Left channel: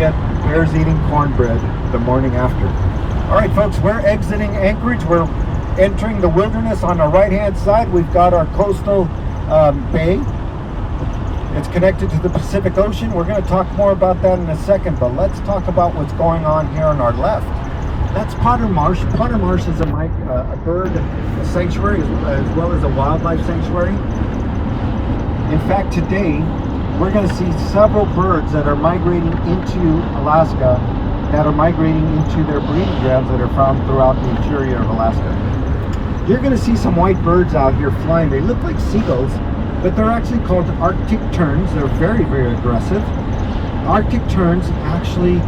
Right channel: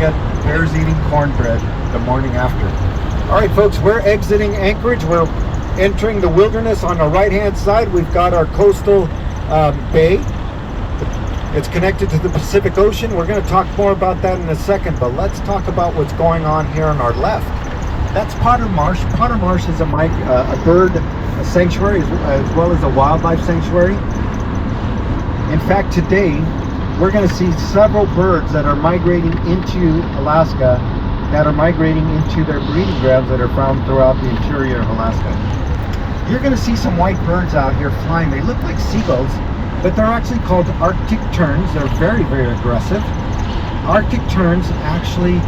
forget, bears eating cornbread the morning after. All right, folks, we're exiting Anchorage. We're entering the wilderness on the right-hand side. We've got our coastal bay. It's connected to the Pacific Ocean. We're going to talk more about that in a second, but let's talk about what's going on here on our left. That's Potter Marsh. Potter Marsh is a bird sanctuary as well as a wildlife sanctuary. In fact, today we're going to see several birds that are migrating into Alaska, that are migrating into their breeding grounds that are found throughout the interior of Alaska. You're going to see some white birds out here flying. They look like seagulls, but they're actually called Arctic terns. They're very, very aggressive. Arctic terns actually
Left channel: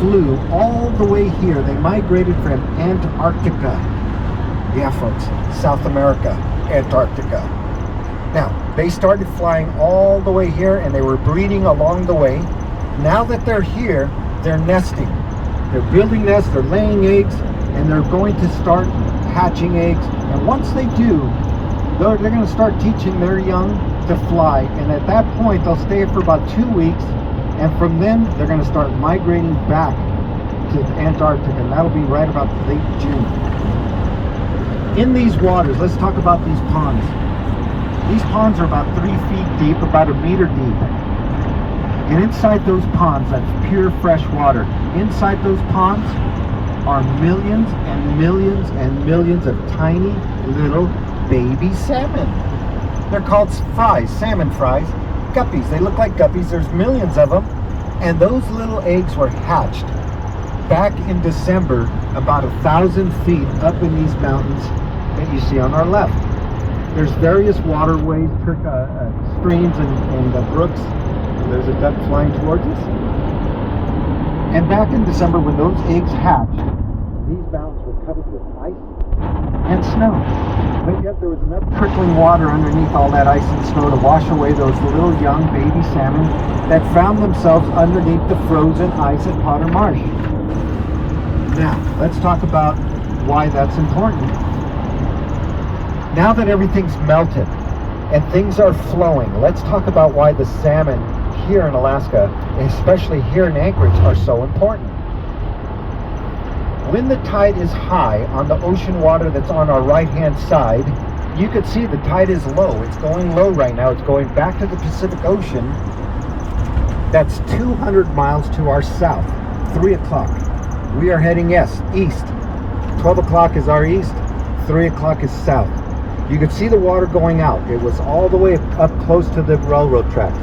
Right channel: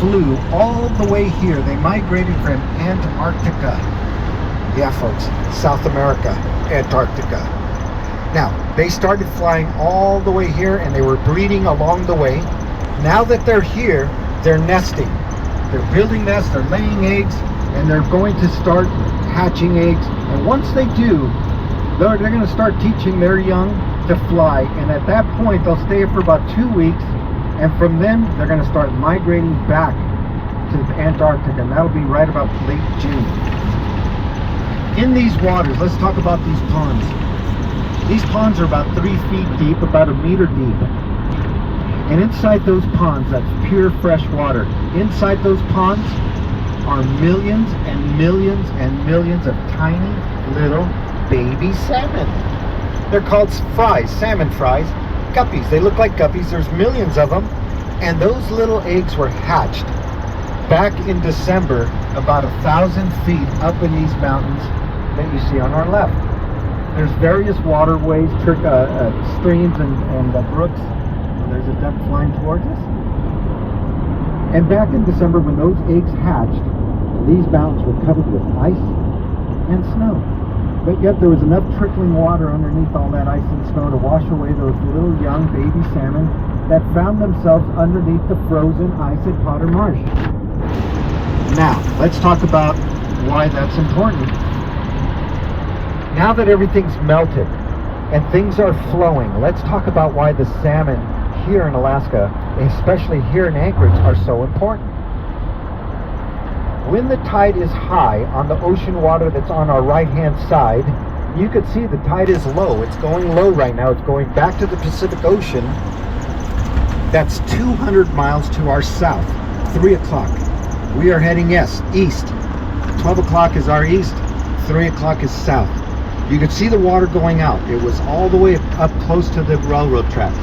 flew all the way here. They migrated from Antarctica. Yeah, folks, South America, Antarctica. Now, they started flying all the way here, and they were breeding along the way. Now that they're here, they're nesting. They're building nests, they're laying eggs, and they're going to start hatching eggs. And once they do, they're going to start teaching their young to fly. And at that point, they'll stay for about 2 weeks. And from then, they're going to start migrating back to Antarctica. And that'll be right about late June. In these waters, let's talk about these ponds. These ponds are about 3 feet deep, about 1 meter deep. And inside those ponds, that's pure fresh water. Inside those ponds are millions and millions and millions of tiny little baby salmon. They're called fries, salmon fries, guppies. They look like guppies. There's millions of them. And those little eggs were hatched back in December, about 1,000 feet up in these mountains that you see on our left. There's various waterways, streams and brooks. There's a duck flying towards us. And back in December, when those eggs hatched, these mountains were covered with ice and snow. But yet there was enough trickling water underneath all that ice and snow to wash away those little young baby salmon that found themselves underneath the frozen ice at Potter Marsh. Now, let's talk about why that's important. Now that everything's melted and things are flowing, let's talk about why the salmon here in Alaska, especially here in Anchorage, are so important. When the tide is high on the ocean water that's on our right-hand side, you can see the tide is low. It's going low right now. It's going back to the Pacific Ocean. That's 200 miles to our south, 3 o'clock. We are heading east. 12 o'clock is our east, 3 o'clock is south. You can see the water going out. It was all the way up close to the railroad track.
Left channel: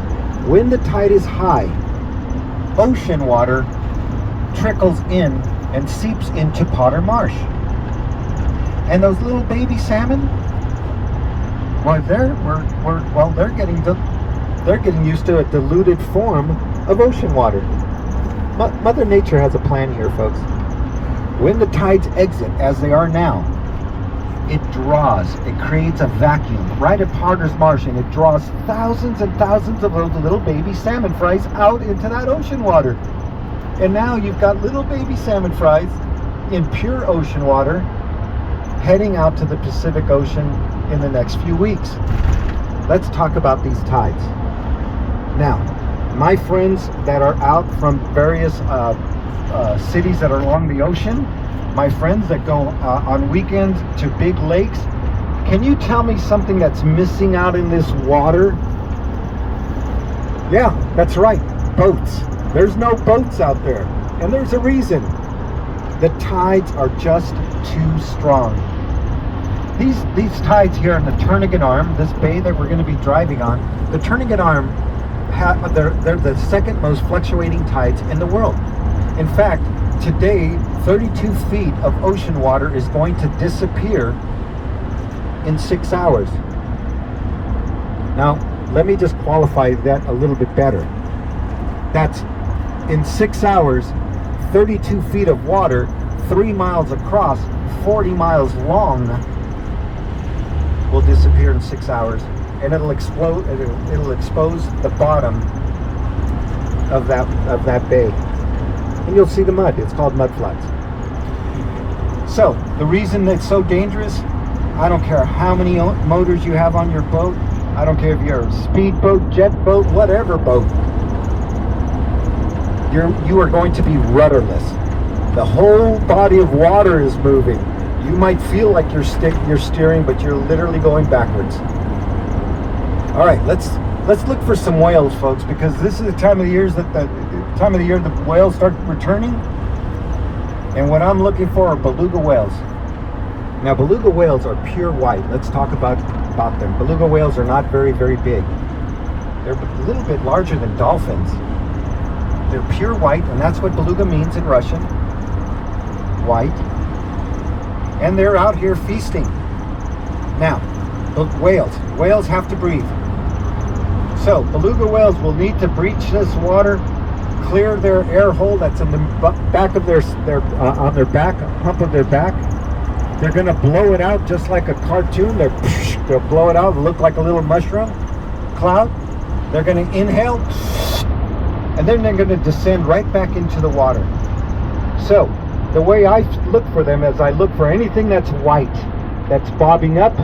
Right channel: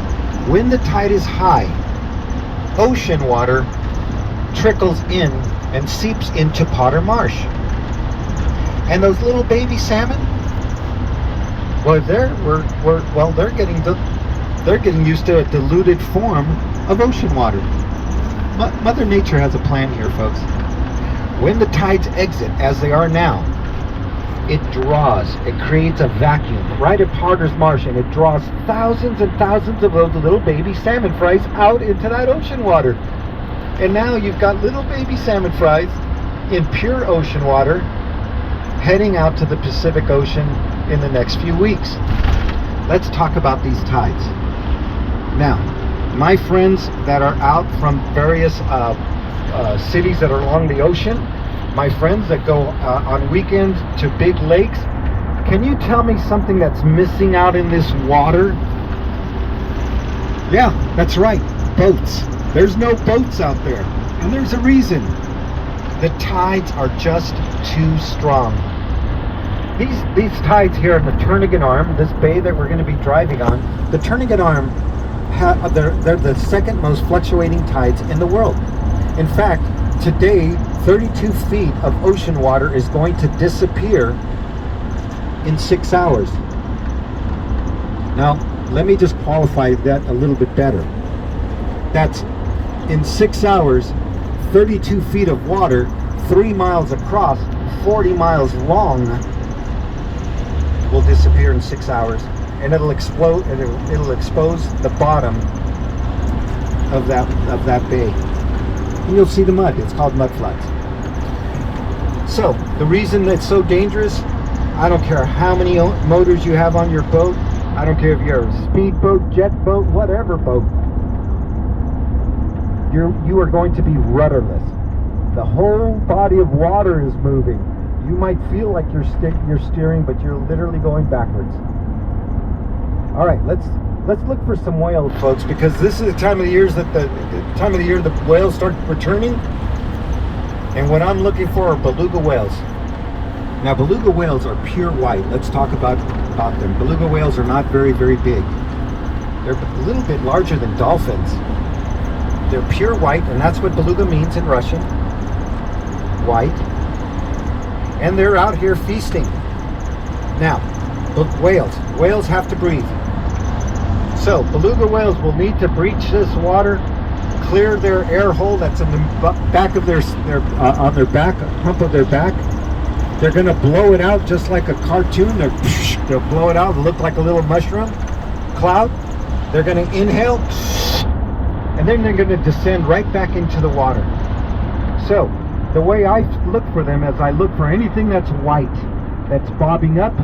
When the tide is high, ocean water trickles in and seeps into Potter Marsh. And those little baby salmon, well, they're getting used to a diluted form of ocean water. Mother Nature has a plan here, folks. When the tides exit, as they are now, it creates a vacuum right at Potter's Marsh, and it draws thousands and thousands of those little baby salmon fries out into that ocean water. And now you've got little baby salmon fries in pure ocean water heading out to the Pacific Ocean in the next few weeks. Let's talk about these tides. Now, my friends that are out from various cities that are along the ocean, my friends that go on weekends to big lakes, can you tell me something that's missing out in this water? Yeah, that's right, boats. There's no boats out there, and there's a reason. The tides are just too strong. These tides here in the Turnagain Arm, this bay that we're going to be driving on, the Turnagain Arm, they're the second most fluctuating tides in the world. In fact, today, 32 feet of ocean water is going to disappear in 6 hours. Now, let me just qualify that a little bit better. That's in 6 hours, 32 feet of water, 3 miles across, 40 miles long, will disappear in 6 hours, and it'll explode. It'll expose the bottom of that bay, and you'll see the mud. It's called mud floods. So the reason it's so dangerous, I don't care how many motors you have on your boat. I don't care if you're a speedboat, jet boat, whatever boat. you are going to be rudderless. The whole body of water is moving. You might feel like you're steering, but you're literally going backwards. All right, let's look for some whales, folks, because this is the time of the year that the whales start returning. And what I'm looking for are beluga whales. Now, beluga whales are pure white. Let's talk about them. Beluga whales are not very, very big. They're a little bit larger than dolphins. They're pure white, and that's what beluga means in Russian. White. And they're out here feasting. Now, whales have to breathe. So, beluga whales will need to breach this water, clear their air hole that's in the back of on their back, hump of their back. They're going to blow it out just like a cartoon. They'll blow it out and look like a little mushroom cloud. They're going to inhale, and then they're going to descend right back into the water. So, the way I look for them is I look for anything that's white, that's bobbing up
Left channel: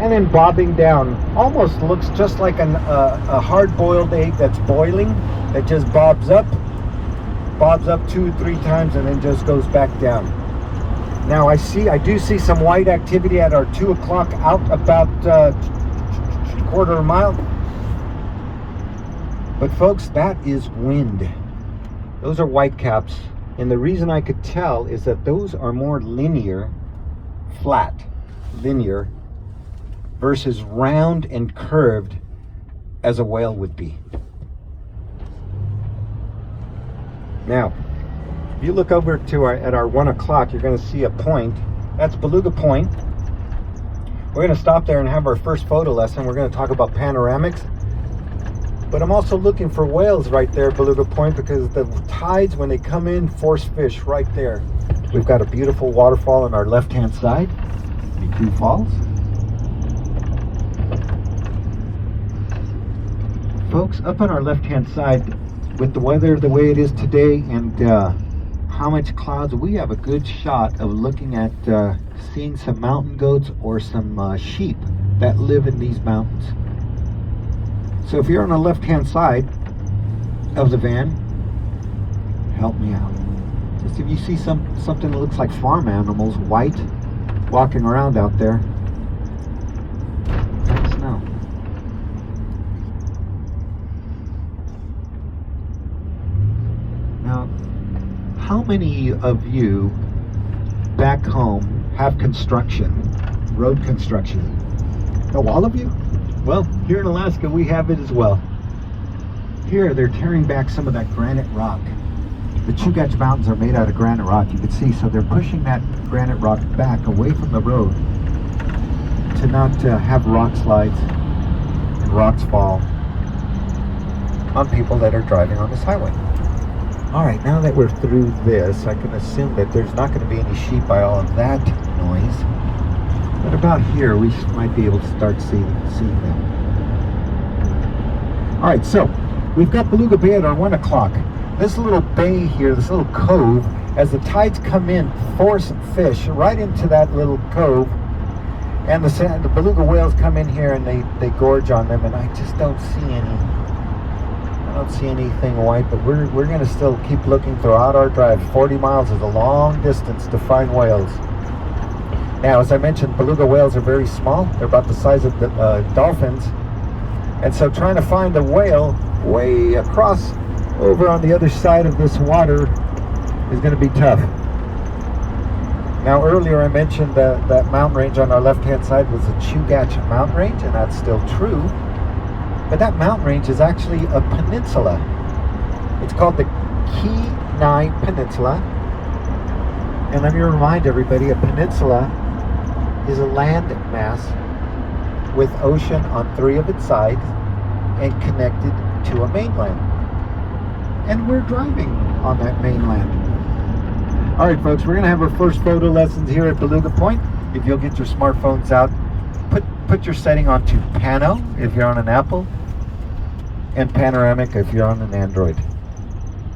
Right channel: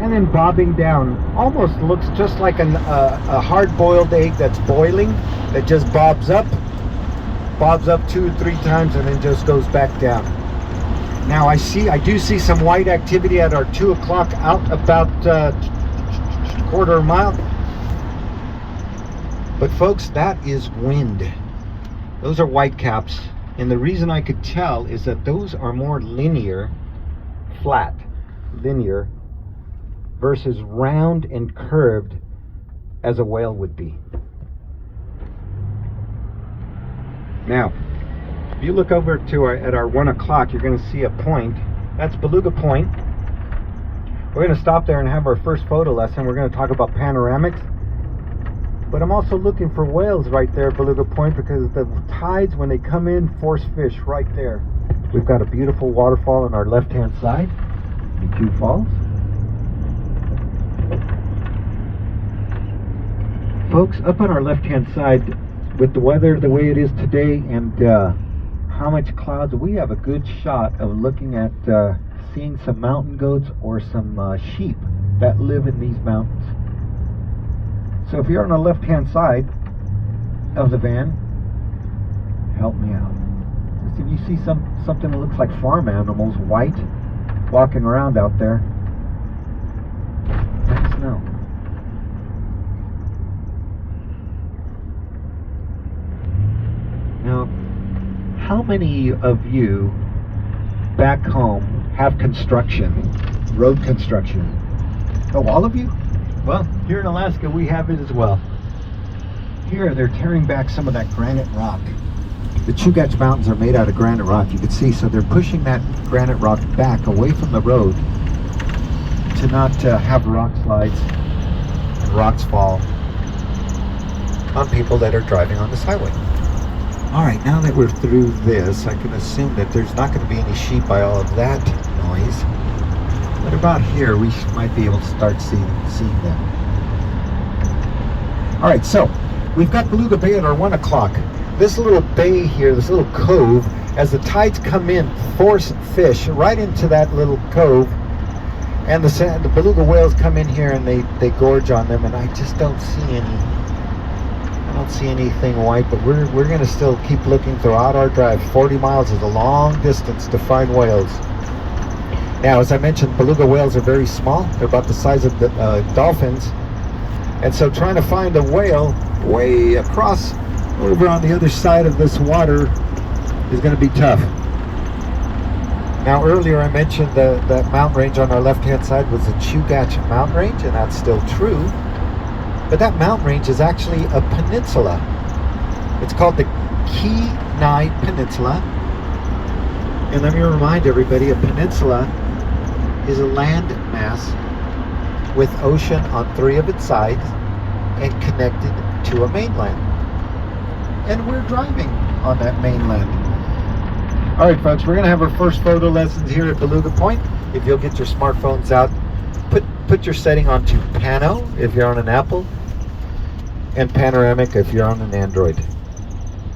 and then bobbing down. Almost looks just like a hard-boiled egg that's boiling. It just bobs up 2-3 times and then just goes back down. Now I do see some white activity at our 2 o'clock out about quarter of a mile. But folks, that is wind. Those are white caps. And the reason I could tell is that those are more linear, flat, linear, versus round and curved as a whale would be. Now, if you look over at our 1 o'clock, you're going to see a point. That's Beluga Point. We're going to stop there and have our first photo lesson. We're going to talk about panoramics. But I'm also looking for whales right there at Beluga Point, because the tides, when they come in, force fish right there. We've got a beautiful waterfall on our left-hand side. Two falls. Folks, up on our left-hand side, with the weather the way it is today and how much clouds, we have a good shot of looking at seeing some mountain goats or some sheep that live in these mountains. So if you're on the left-hand side of the van, help me out. Just if you see something that looks like farm animals, white, walking around out there, let us know. Now, how many of you back home have construction, road construction? Oh, all of you? Well, here in Alaska, we have it as well. Here, they're tearing back some of that granite rock. The Chugach Mountains are made out of granite rock, you can see, so they're pushing that granite rock back away from the road to not have rock slides and rocks fall on people that are driving on this highway. All right, now that we're through this, I can assume that there's not going to be any sheep by all of that noise. But about here, we might be able to start seeing them. All right, so we've got Beluga Bay at our 1 o'clock. This little bay here, this little cove, as the tides come in, force fish right into that little cove. And the beluga whales come in here and they gorge on them, and I just don't see anything white, but we're going to still keep looking throughout our drive. 40 miles is a long distance to find whales. Now, as I mentioned, beluga whales are very small. They're about the size of the dolphins. And so trying to find a whale way across over on the other side of this water is going to be tough. Now, earlier I mentioned that mountain range on our left-hand side was the Chugach mountain range, and that's still true. But that mountain range is actually a peninsula. It's called the Key Nine Peninsula. And let me remind everybody, a peninsula is a land mass with ocean on 3 of its sides and connected to a mainland. And we're driving on that mainland. All right, folks, we're going to have our first photo lessons here at Beluga Point. If you'll get your smartphones out, put your setting onto Pano if you're on an Apple, and Panoramic if you're on an Android.